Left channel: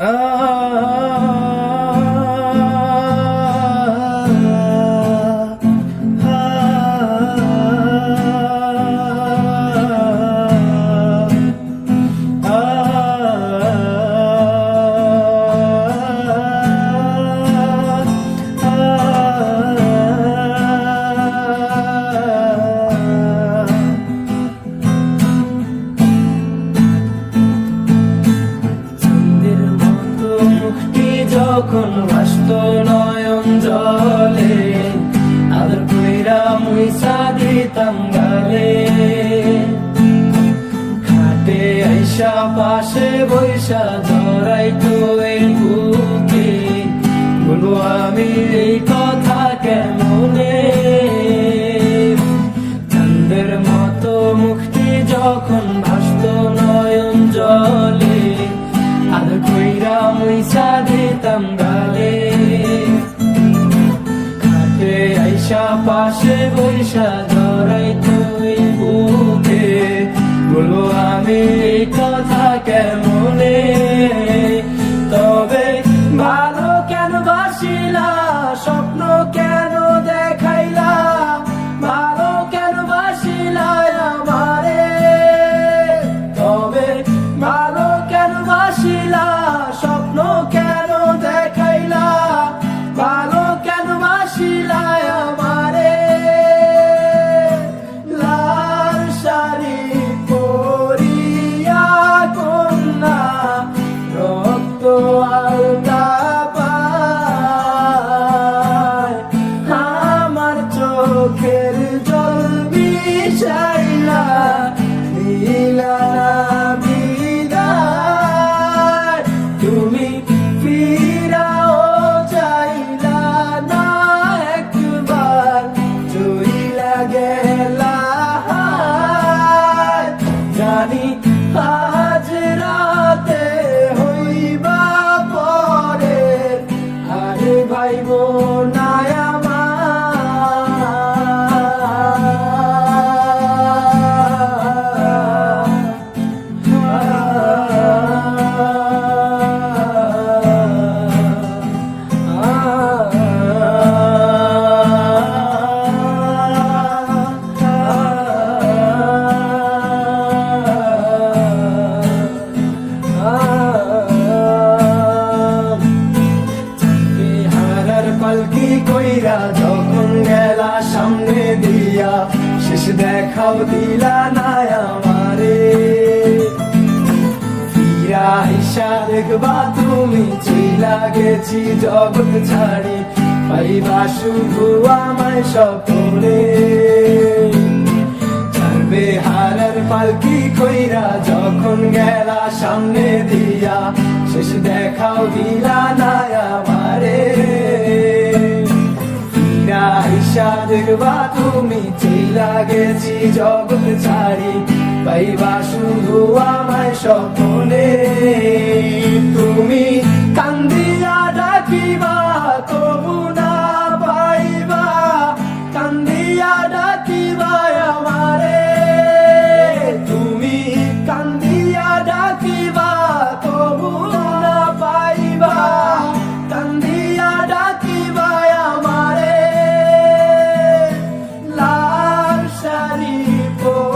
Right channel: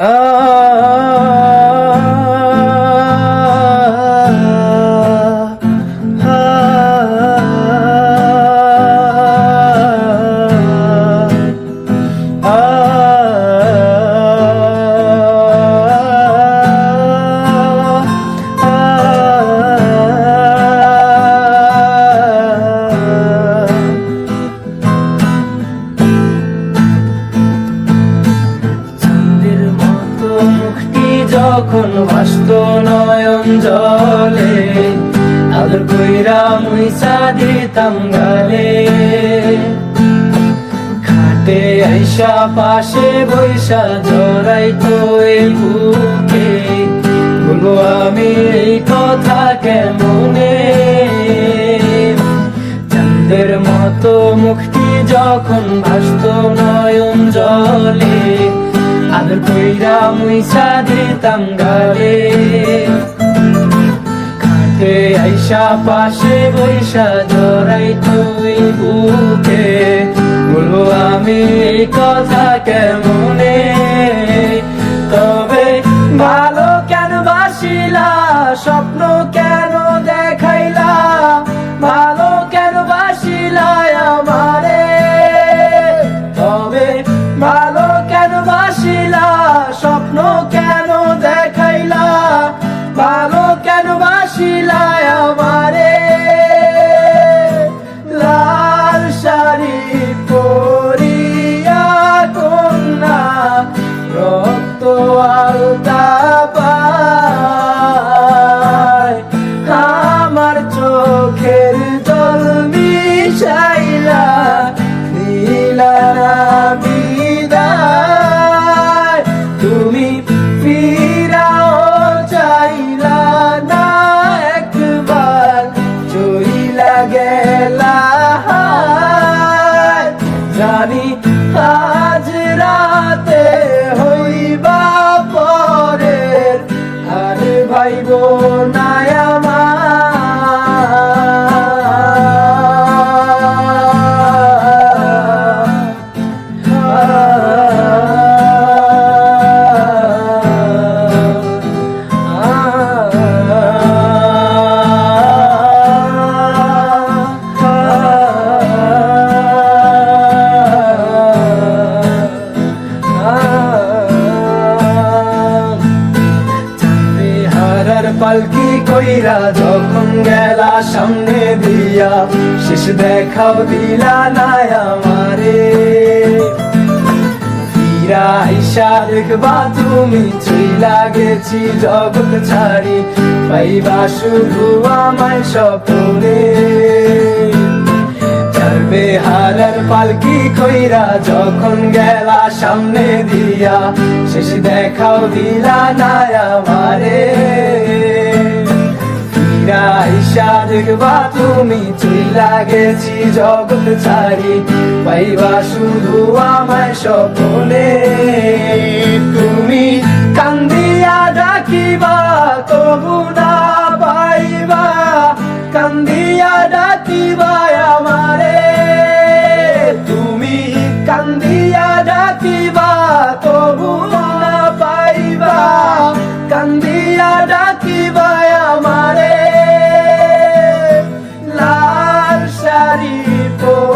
Oh. যখন ভাসত নয়ন জলে, আদর কইরা মুইসা দিতাম গালে। খাটে আইসা পাশে বৈশা জড়াই তো এই বুকে মুইসা দিতাম গালে। খাটে আইসা, পাশে বৈশা জড়াই তুই বুকে। বলো আমি এই কথা কেমনে জানি আজ রাতে হইবা পরের। আর ভাইব না পালকি কইরা যখন গেলা সামনে দিয়া, শেষ দেখাও দিলা না আমারে। ফিরা আইসা দেখবা তুমি চইলা গেছি জগৎ ছাড়ি, পাইবা শুধু আমায় স্বপ্নে। চারবে হারার পালকি কইরা যখন গেলা সামনে দিয়া, শেষ দেখাও দিলা না আমারে। দেখবা তুমি চইলা গেছি জগৎ ছাড়ি পাইবা শুধু আমায় স্বপ্নে। তুমি কান্দিয়া ডাকিবা people.